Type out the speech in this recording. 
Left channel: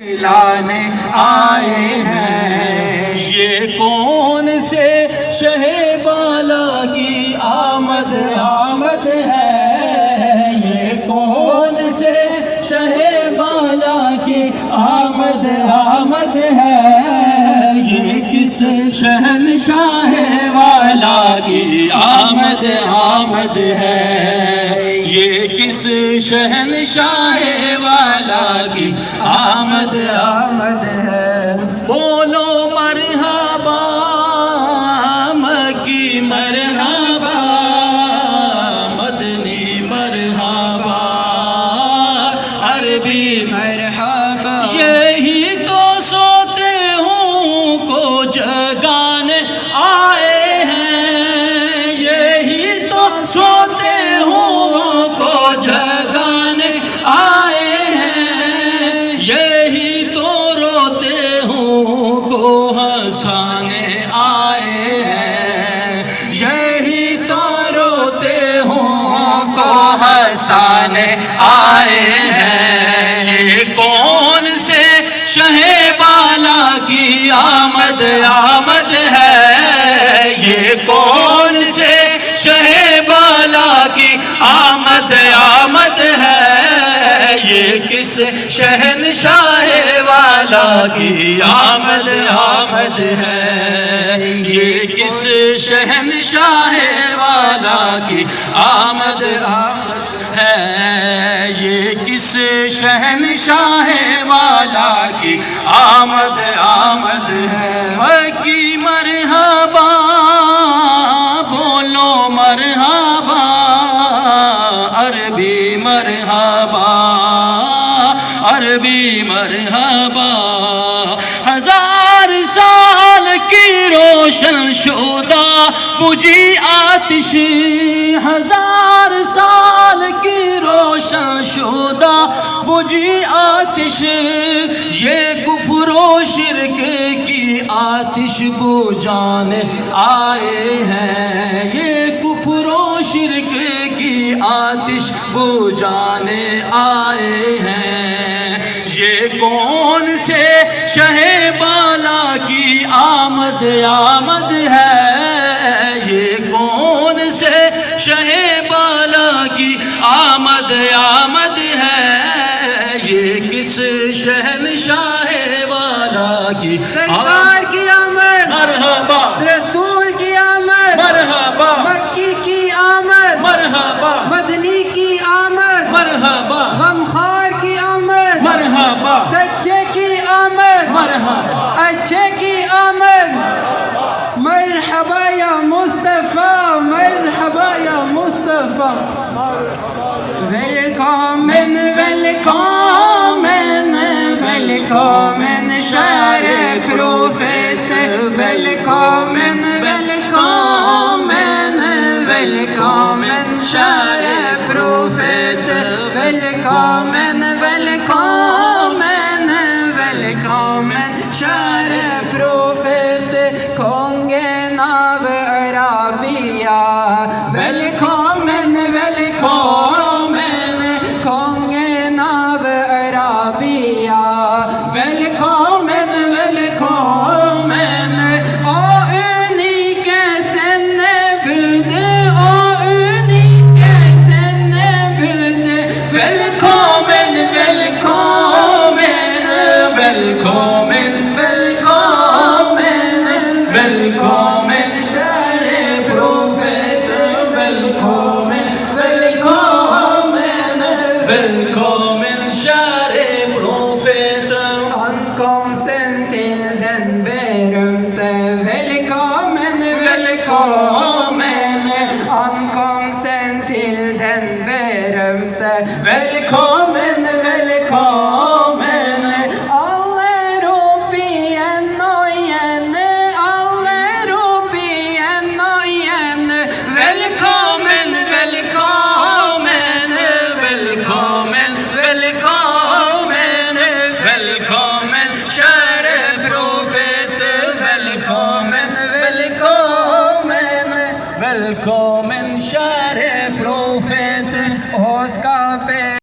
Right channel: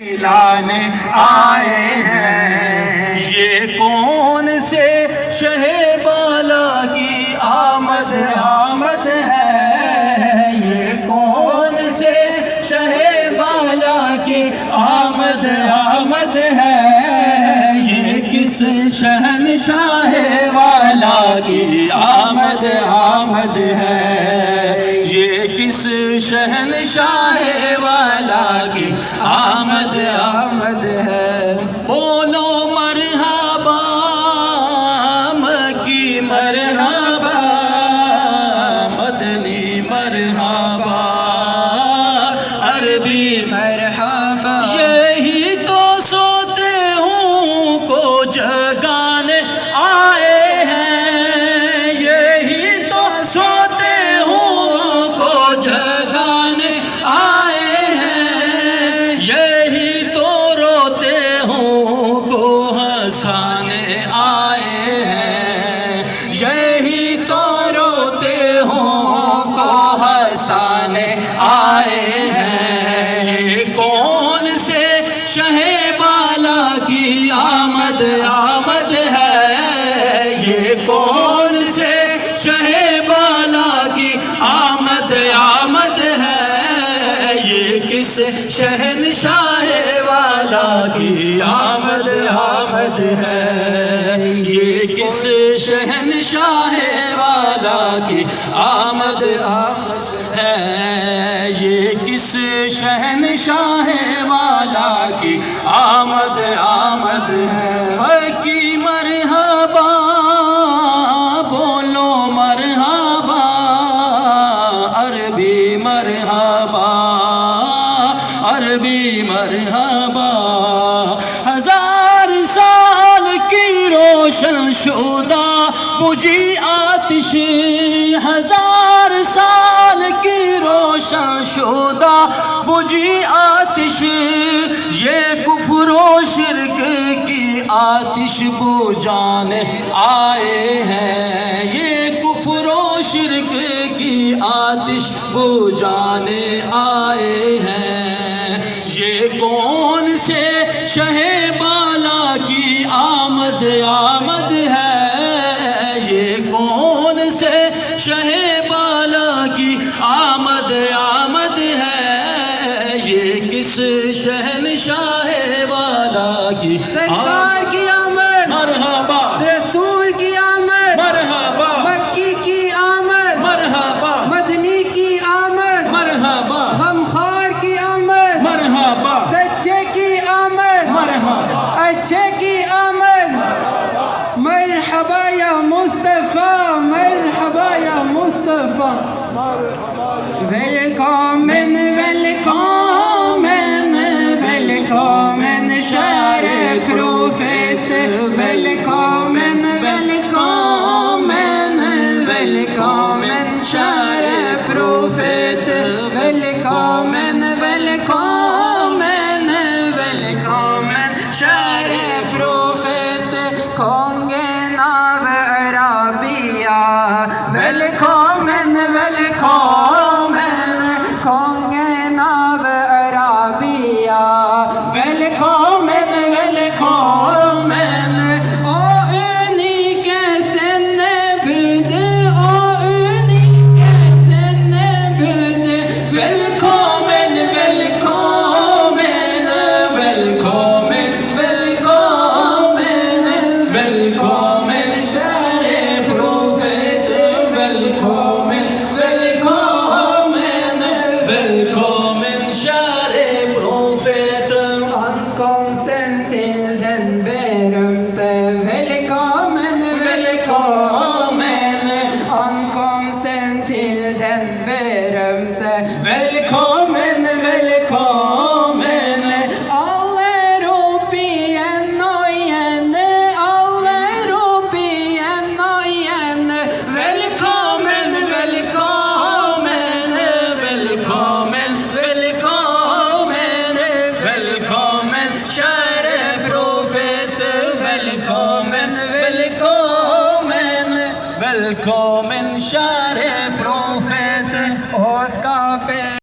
لانے آئے ہیں۔ یہ کون سے شہ بالا کی آمد آمد ہے، یہ کون سے شہ بالا کی آمد آمد ہے، یہ کس شہنشاہ والا کی آمد آمد ہے، یہ کس شہنشاہ والا کی آمد آمد ہے۔ بولو مرحبا مکی مرحبا مدنی مرحبا عربی مرحبا، یہی تو سوتے ہوں کو جگانے آئے ہیں، یہی تو سوتے ہوں کو جگانے آئے ہیں، یہی تو روتے ہوں کو ہنسانے آئے ہیں، یہی تو روتے ہوں کو ہنسانے آئے ہیں۔ یہ کون سے شہ بالا کی آمد آمد ہے، یہ کون سے شہ بالا کی آمد آمد ہے، یہ کس شہنشاہ والا کی آمد آمد ہے، یہ کس شہنشاہ والا کی آمد آمد ہے، یہ کس شہنشاہ والا کی آمد آمد ہے۔ مکی مرحبا بولو مرحبا عربی مرحبا عربی مرحبا، ہزار سال کی روشن شدہ بجھی آتش، ہزار سال کی روشن شدہ بجھی آتش، یہ کفر و شرک کی آتش بجھانے آئے ہیں، یہ کفر و شرک کی آتش بجھانے آئے ہیں۔ یہ کون سے شہ بالا کی آمد آمد ہے، یہ کون سے شہ بالا کی آمد آمد ہے، یہ کس شہنشاہ والا کی سرکار کی آمد، مرحبا رسول کی آمد، مرحبا مکی کی آمد، مرحبا مدنی کی آمد، مرحبا غمخوار کی آمد، مرحبا سچے کی آمد، مرحبا اچھے کی آمد، مرحبا یا مصطفیٰ، مرحبا یا مصطفیٰ، ویلکمن ویلکمن ویلکمن شہر پروفیت، ویلکمن ویلکمن ویلکمن شہر پروفیت، ویلکمن ویلکمن ویلکمن شہر پروفیت، کھونگے ناب عربیہ، ویلکمن ویلکمن کھونگے ناب عربیہ،